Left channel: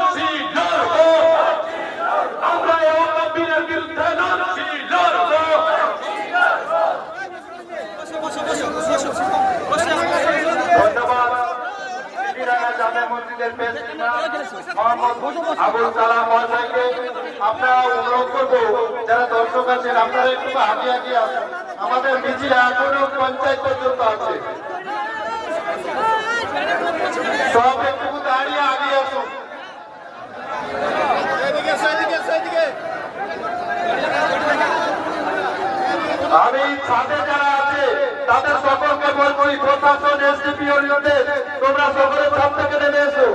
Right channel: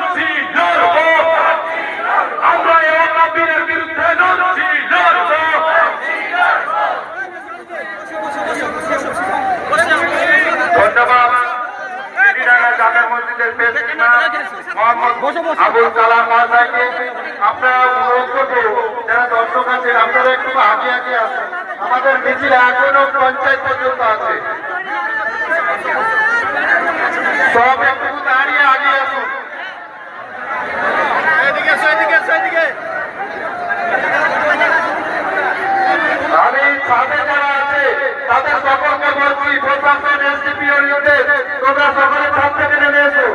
নদী লড়বো, আমরা এই নবীনের বিরুদ্ধে নদী লড়বো। ধন্যবাদ জামে মসজিদের মোহাম্মদ আবুল কালাম মহাশয়কে। আপনারা অনুরোধ করবো যারা দর্শক আছেন আপনারা একটু আগে আগে আসুন, আমাদের মিছিল এখনো পঞ্চায়েত পর্যন্ত আছে, সব একটু দাঁড়িয়ে আগে আসুন। আমি ছাদে যারা আছে তাদের সকলকে বলছি প্রশাসন এসডিপিও নির্দেশ তোমরা সকলে ছাদ থেকে নেমে এসো।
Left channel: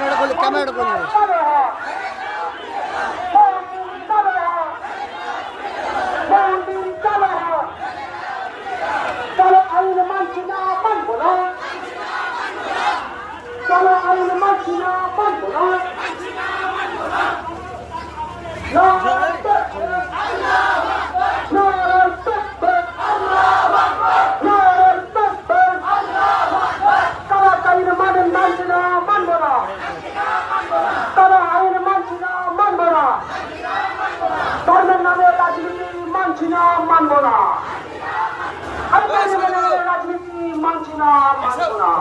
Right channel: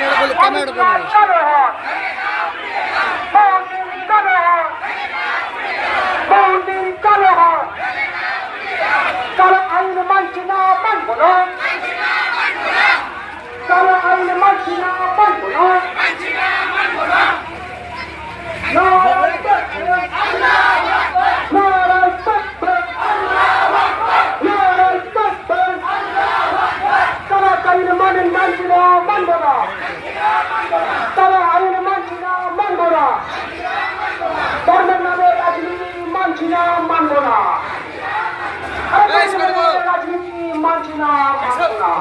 ক্যামেরা চলো আইন মানছি না মানবো না, চলো আইন মানছি না মানবো না। ধর্মের নামে রাজনীতি মানছি না মানবো না, রাজনীতি মানছি না মানবো না।